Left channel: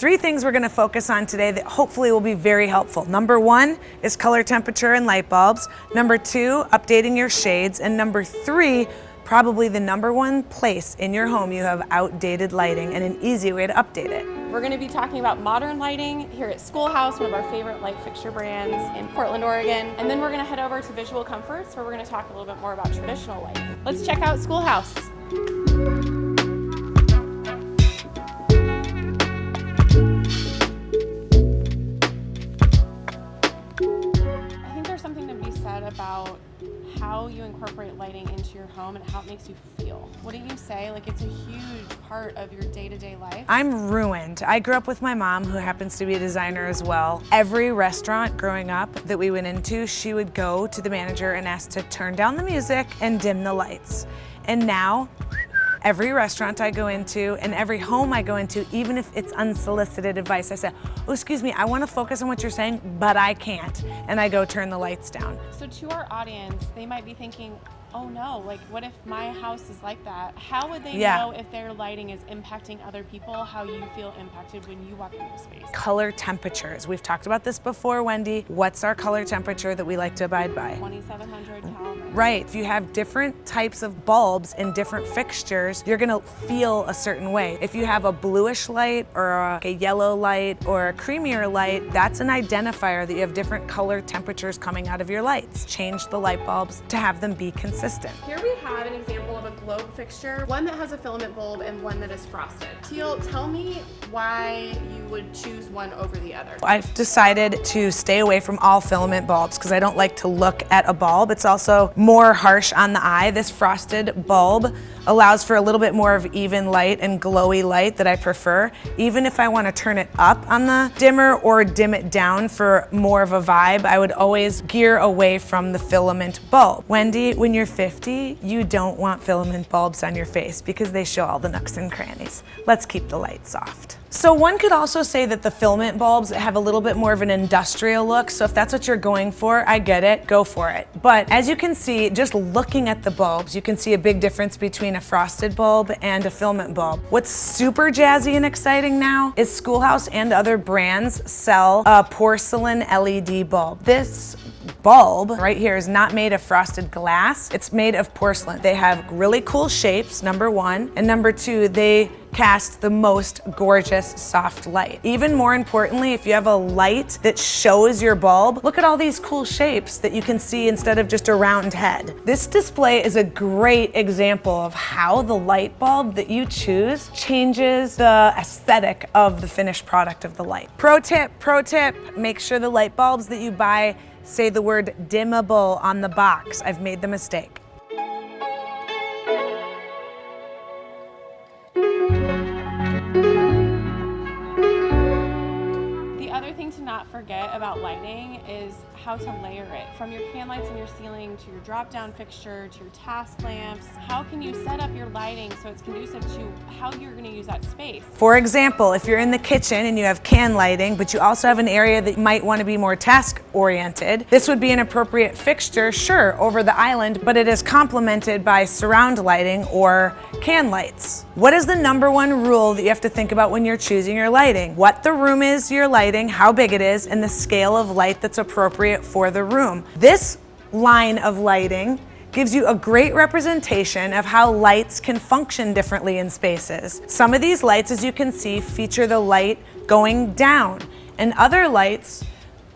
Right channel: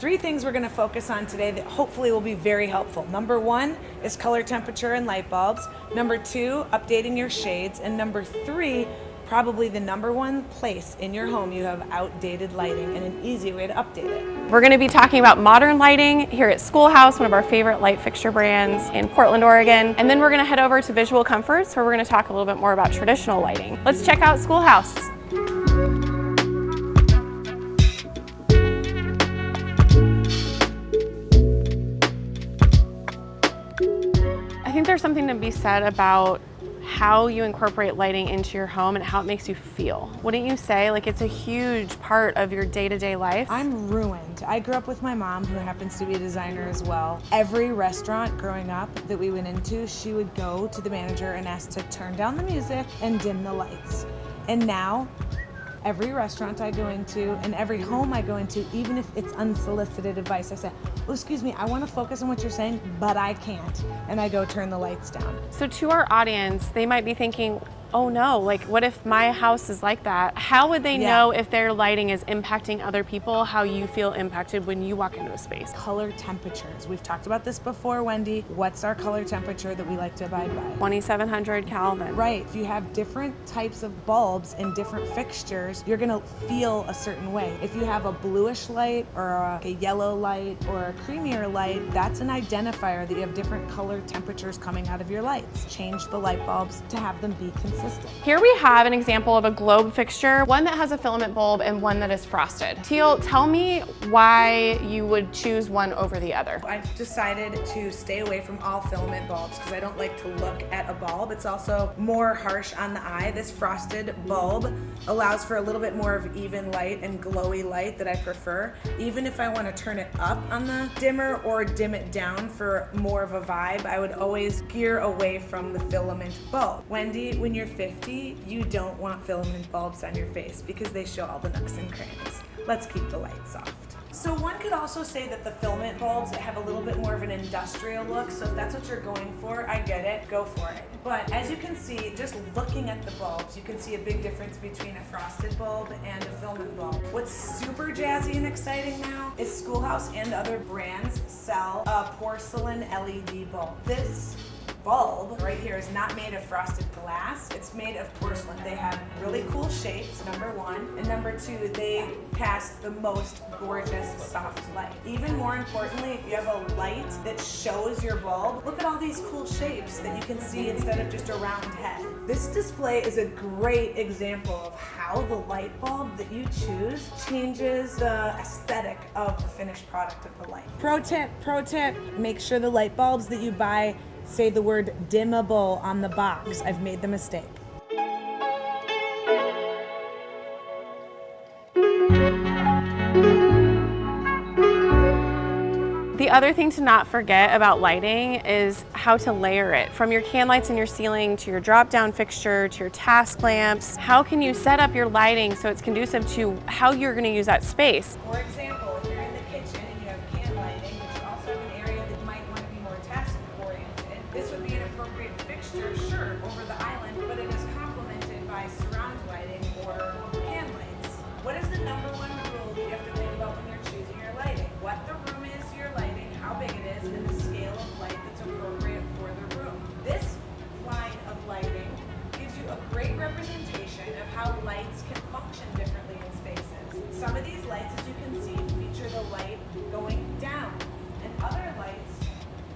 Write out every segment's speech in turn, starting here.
Three things we're gonna focus on today that hopefully will be very helpful. Number one is color temperature and light bulbs. Number two, updating your shades. And number three, probably the number one place in your home you have outdated lighting and an easy way to update it. We're going to be talking about modern lighting here at Schoolhouse, one of our favorite light fixture brands in Portland, Oregon. And then we're going to head over to Visual Comforts, where we're going to talk a little bit more about traditional lighting. Let's check out Schoolhouse. I think there's something to be said about how you incorporate lighting into your home and how it makes you feel. Wouldn't you say? Like, it's a huge part of your day-to-day life. I'm ruined. I grew up with my mom, who happens to be a designer as well. Every restaurant growing up that we went into, she would go to the manager and ask to turn down the music and dim the lights. And now, every restaurant I go into and every home I go into, even if it's unsolicited advice, I say, oh, excuse me, I want to focus on what you're saying, but I can't. And I go turn the lights down. So to our audience, they might be thinking, oh no, like what if my house is like that? How would they know if their lighting is impacting other people, how you feel impacted when you walk into a space? Color temperatures. We've talked about this before, Wendy. What's our color temperature that we like to abide by? 2700 Kelvin. Right. If you have different types of bulbs and different fixtures, you're gonna feel a certain way. If you have a bluish light or a yellow light or a creamier light, that's an identifier that you have different color temperatures coming out of your lights. Change the light bulbs to have them be consistent. Here we have an example of a globe fixture, one that has a filament bulb and one that is frosted. Teal, tell me why you would choose one over the other. I've decided to stay away from all filament bulbs because I don't like to look at a bulb. It's also more harsh on the eye. This frosted bulb allows for a little bit more of even light and glowy light that I prefer. Even if I want to turn it up on the dimmer or dim it down for more of a vibe, I would always gear away from the filament bulb. Wendy, when you're 50, you don't want filament bulbs on your face because they show all the nooks and crannies. Let's keep the light soft. So one could also say that the filament bulbs have a little bit more of an industrial look, so if that's what you're going for, I get it, go for it. But as you can see, just looking at the bulbs, you can see a big difference between a frosted bulb and a filament bulb. What's super jazzy and exciting now is Schoolhouse and other brands sell a porcelain LED bulb. This bulb right here is not made of frosted glass, it's made of porcelain. They have really cool shapes, number one, and number two, they cast the most gorgeous soft light. Even more importantly, if you have a light that shows your bulb, look at all these cool shapes that you can see instead of just a round head. This display is a great example of how the light bulb that you choose changes the aesthetic of the finished product of the light. Pro tip, make sure the light bulbs that you buy say the word dimmable on the box. I've made the mistake. The other thing to not forget about lighting is how to layer it. From your can lights in your ceiling to your drop-down fixture to your task lamps, how can you set up your lighting so it's conducive to how you're going to use that space? For example, if you're in the kitchen and you have can lighting, but you also have an area that might want to be more task-oriented, this would be an appropriate fixture, sure, over the island, but it is complemented by surround lighting or can lights. What is the number one rule that you have to think about when you're choosing your lighting? What the room is you're lighting, how big it is, and the scale of light that's appropriate for the room. This line of lighting gives you a great representation of how lights can function differently in spaces. Some of these lights, as you can see, feature the light going down, and other lights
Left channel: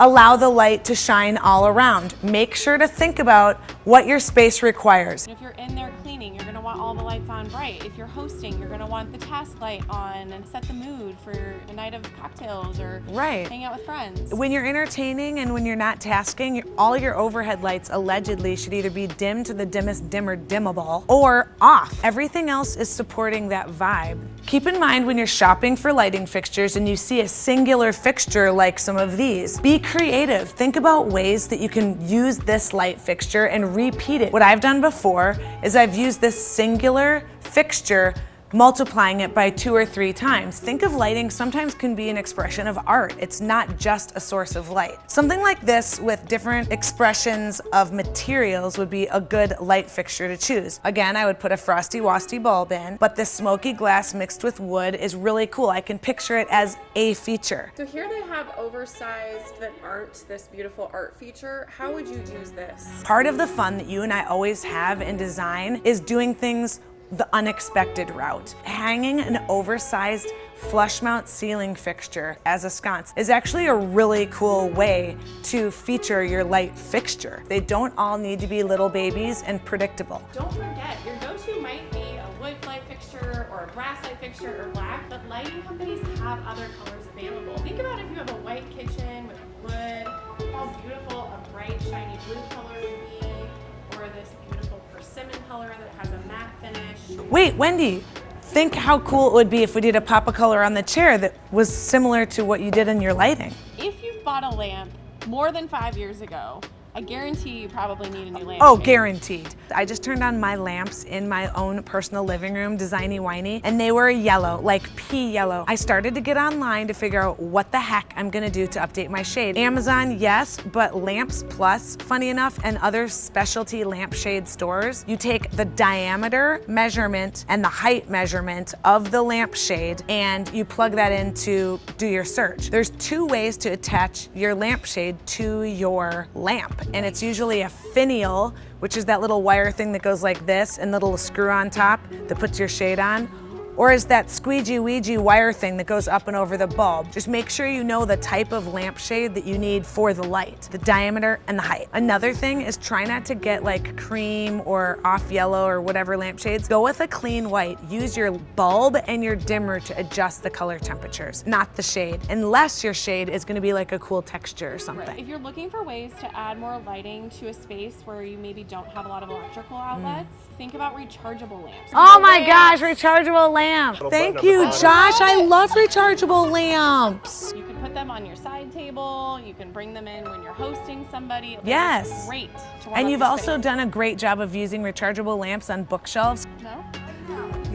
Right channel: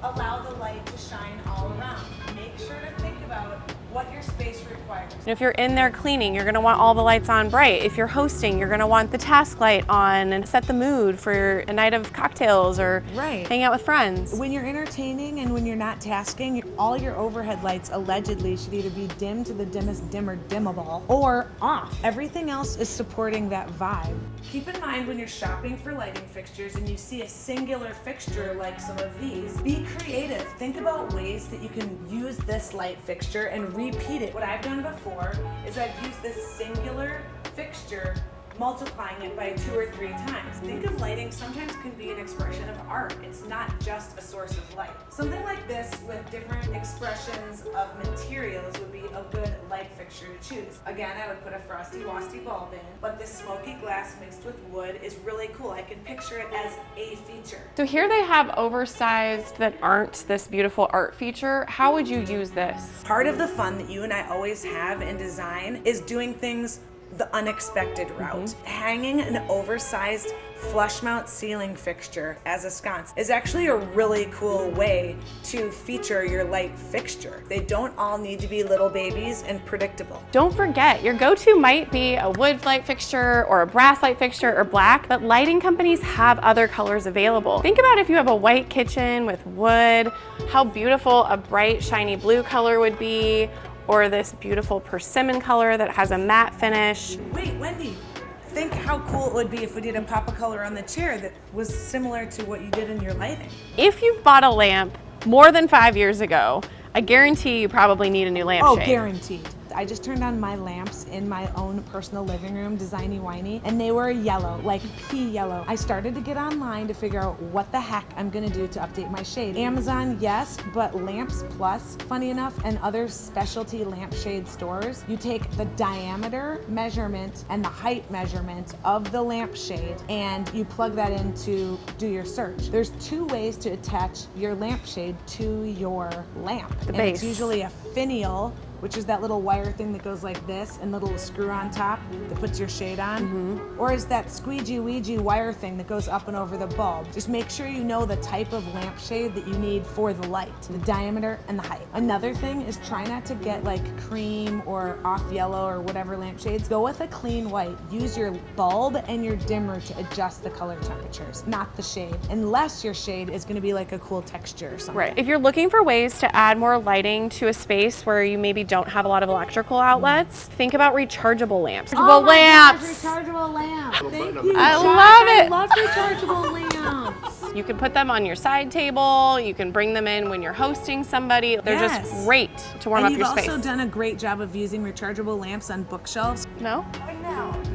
allow the light to shine all around. Make sure to think about what your space requires. If you're in there cleaning, you're going to want all the lights on bright. If you're hosting, you're going to want the task light on and set the mood for a night of cocktails or hang out with friends. When you're entertaining and when you're not tasking, all your overhead lights allegedly should either be dimmed to the dimmest dimmer dimmable or off. Everything else is supporting that vibe. Keep in mind when you're shopping for lighting fixtures and you see a singular fixture like some of these, be creative. Think about ways that you can use this light fixture and repeat it. What I've done before is I've used this singular fixture multiplying it by 2 or 3 times. Think of lighting sometimes can be an expression of art. It's not just a source of light. Something like this with different expressions of materials would be a good light fixture to choose. Again, I would put a frosty wasty bulb in, but this smoky glass mixed with wood is really cool. I can picture it as a feature. So here they have oversized that aren't this beautiful art feature. How would you use this? Part of the fun that you and I always have in design is doing things the unexpected route. Hanging an oversized flush mount ceiling fixture as a sconce is actually a really cool way to feature your light fixture. They don't all need to be little babies and predictable. Don't forget, your go-to might be a wood light fixture or a brass light fixture or black, but lighting companies have other colors available. Think about if you have a white kitchen with wood, how beautiful a bright shiny blue color would be, or this beautiful persimmon color that has a matte finish. Wait, Wendy, think how cool it would be if we did a pop of color on the chair that was similar to what you did in your lighting. If you've bought a lamp more than 5 years ago, I guarantee you probably need a new lampshade. Oh, guaranteed. I just turned on my lamps in my own personal living room, designy whiney, and they were yellow, like pea yellow. I started to get online to figure out what the heck I'm gonna do to update my shade. Amazon, yes, but Lamps Plus, funny enough, and other specialty lampshade stores, you take the diameter measurement and the height measurement of the lampshade and you plug that in to do your search. There's 2 ways to attach your lampshade to your lamp. And it's usually a finial, which is that little wire thing that goes like this and the little screw on top that puts your shade on. Or is that squeegy weegy wire thing that goes up and over the bulb. Just make sure you know the type of lampshade that you need for the light, the diameter and the height. Another thing is try not to get like cream or off yellow or whatever lampshades. Go with a clean white. Use your bulb and your dimmer to adjust the color temperatures, not the shade, unless your shade is gonna be like a cool texture or something. Right. If you're looking for ways to add more lighting to a space where you maybe don't have a lot of electrical outlets, think about rechargeable lamps. Oh my gosh, rechargeable lamp. Thank you, Josh. I love rechargeable lamps. You can put them on your side table. You can bring them in when you're hosting somebody. They're just great to warm up your space. And you've also done a great job of using rechargeable lamps on bookshelves. No?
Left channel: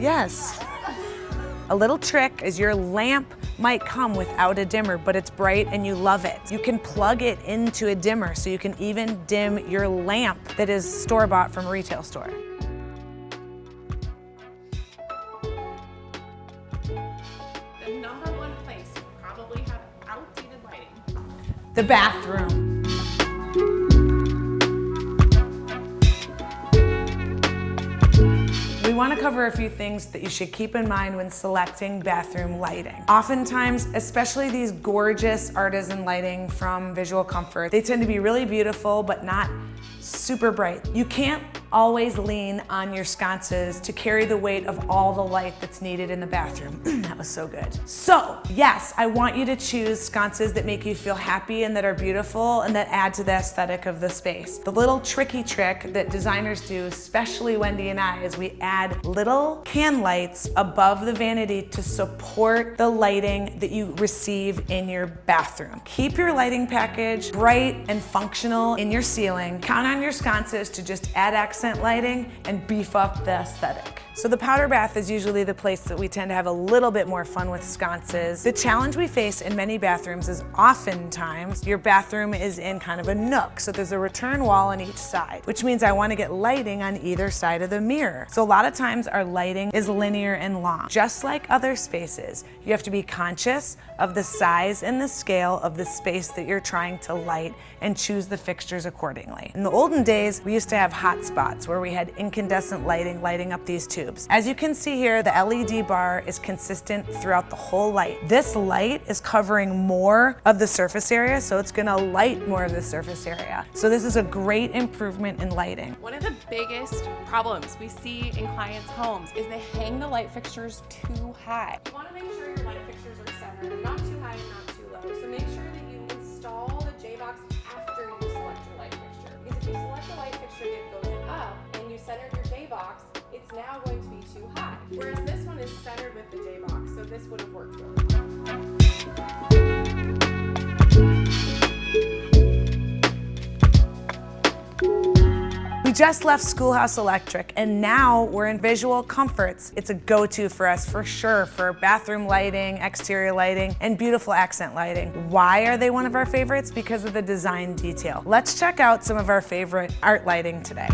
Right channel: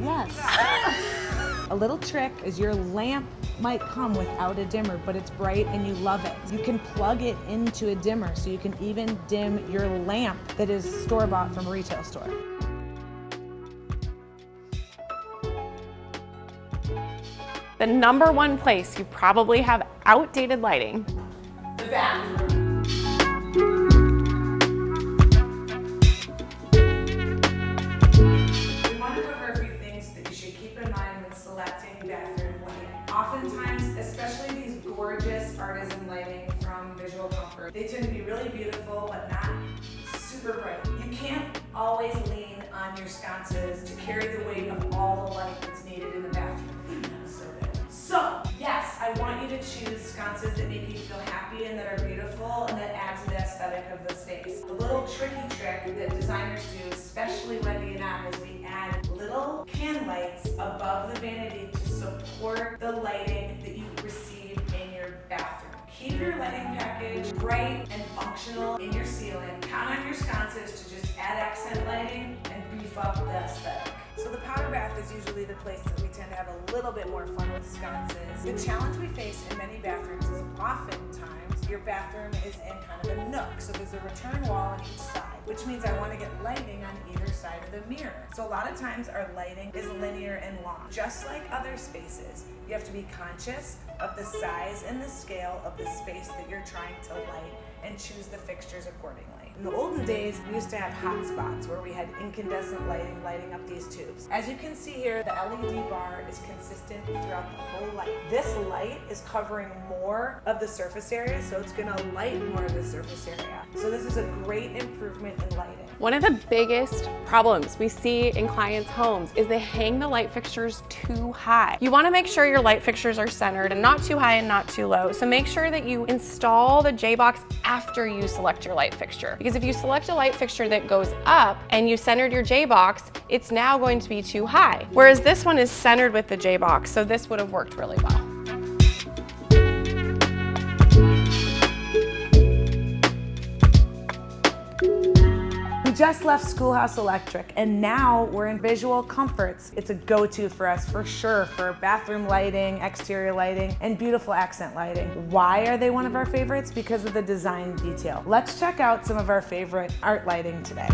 Yes. A little trick is your lamp might come without a dimmer, but it's bright and you love it. You can plug it into a dimmer so you can even dim your lamp that is store-bought from a retail store. The #1 place you probably have outdated lighting. The bathroom. We want to cover a few things that you should keep in mind when selecting bathroom lighting. Oftentimes, especially these gorgeous artisan lighting from Visual Comfort, they tend to be really beautiful but not super bright. You can't always lean on your sconces to carry the weight of all the light that's needed in the bathroom. That was so good. So, yes, I want you to choose sconces that make you feel happy and that are beautiful and that add to the aesthetic of the space. The little tricky trick that designers do, especially Wendy and I, is we add little can lights above the vanity to support the lighting that you receive in your bathroom. Keep your lighting package bright and functional in your ceiling. Count on your sconces to just add accent lighting and beef up the aesthetic. So the powder bath is usually the place that we tend to have a little bit more fun with sconces. The challenge we face in many bathrooms is oftentimes your bathroom is in kind of a nook. So there's a return wall on each side, which means I want to get lighting on either side of the mirror. So a lot of times our lighting is linear and long. Just like other spaces, you have to be conscious of the size and the scale of the space that you're trying to light and choose the fixtures accordingly. In the olden days, we used to have hot spots where we had incandescent lighting lighting up these tubes. As you can see here, the LED bar is consistent throughout the whole light. This light is covering more of the surface area, so it's gonna light more of the surface area. So this is a great improvement in lighting. One of the biggest problems we see in clients' homes is they hang the light fixtures too high. You wanna make sure your light fixtures are centered and not too high and not too low. So make sure that you install the J-box after you select your light fixture. Because if you select a light fixture that goes up and you centered your J-box, it's now going to be too high. Whereas this one is centered with the J-box, so this would have worked really well. We just left Schoolhouse Electric, and now we're in Visual Comforts. It's a go-to for us for sure for bathroom lighting, exterior lighting, and beautiful accent lighting. Why are they one of our favorites? Because of the design detail. Let's check out some of our favorite art lighting today.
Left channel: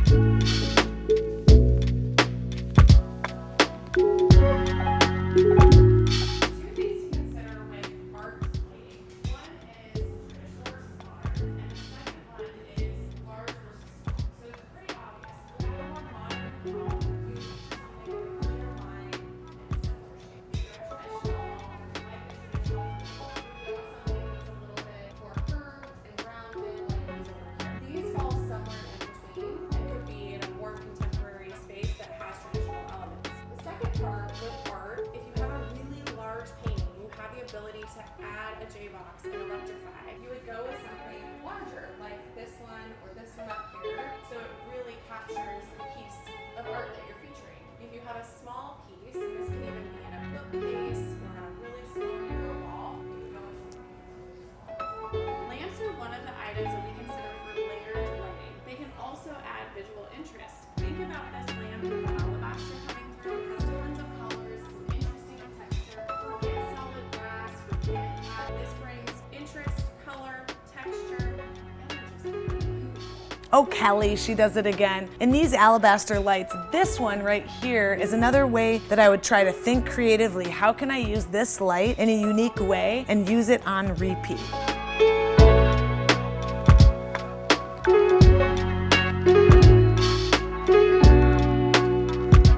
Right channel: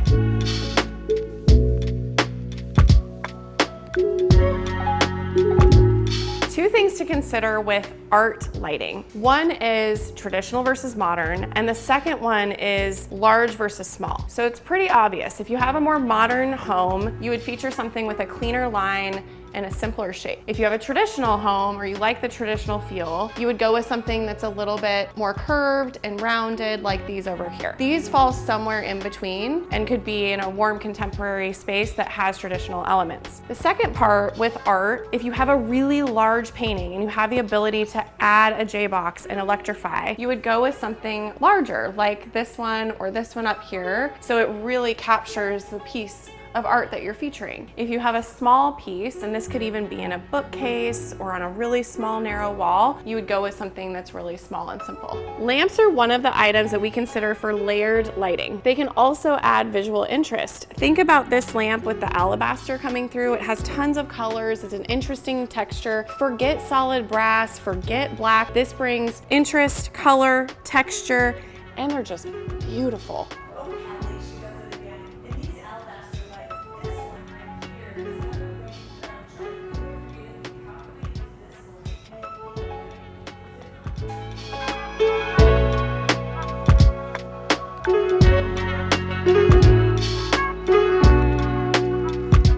Two things to consider with art lighting. One is traditional versus modern, and the second one is large versus small. So it's pretty obvious. If you have a more modern home, you would feature something with a cleaner line and a simpler shape. If you have a traditional home or you like the traditional feel, you would go with something that's a little bit more curved and rounded like these over here. These fall somewhere in between and could be in a warm contemporary space that has traditional elements. The second part with art, if you have a really large painting and you have the ability to add a J-box and electrify, you would go with something larger like this one or this one up here, so it really captures the piece of art that you're featuring. If you have a small piece, and this could even be in a bookcase or on a really small narrow wall, you would go with something that's really small and simple. Lamps are one of the items that we consider for layered lighting. They can also add visual interest. Think about this lamp with the alabaster coming through. It has tons of colors, it's an interesting texture. Forget solid brass, forget black. This brings interest, color, texture, and they're just beautiful. Oh, Kelly, she does it again. In these alabaster lights, this one right here is another way that I would try to think creatively. How can I use this light in a unique way and use it on repeat?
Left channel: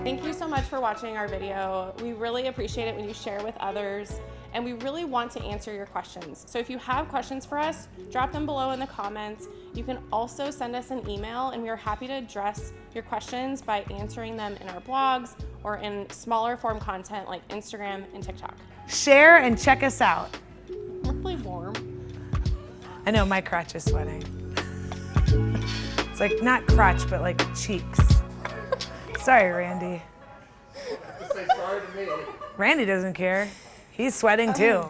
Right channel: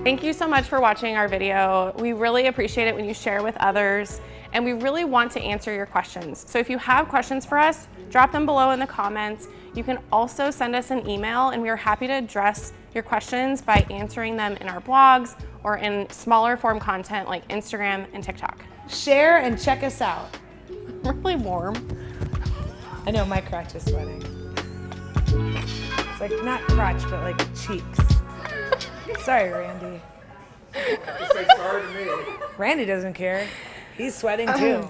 Thank you so much for watching our video. We really appreciate it when you share with others, and we really want to answer your questions. So if you have questions for us, drop them below in the comments. You can also send us an email, and we are happy to address your questions by answering them in our blogs or in smaller form content like Instagram and TikTok. Share and check us out. Really warm. I know, my crotch is sweating. It's like not crotch, but like cheeks. Sorry, Randy. Just say sorry to me. Randy doesn't care. He's sweating too.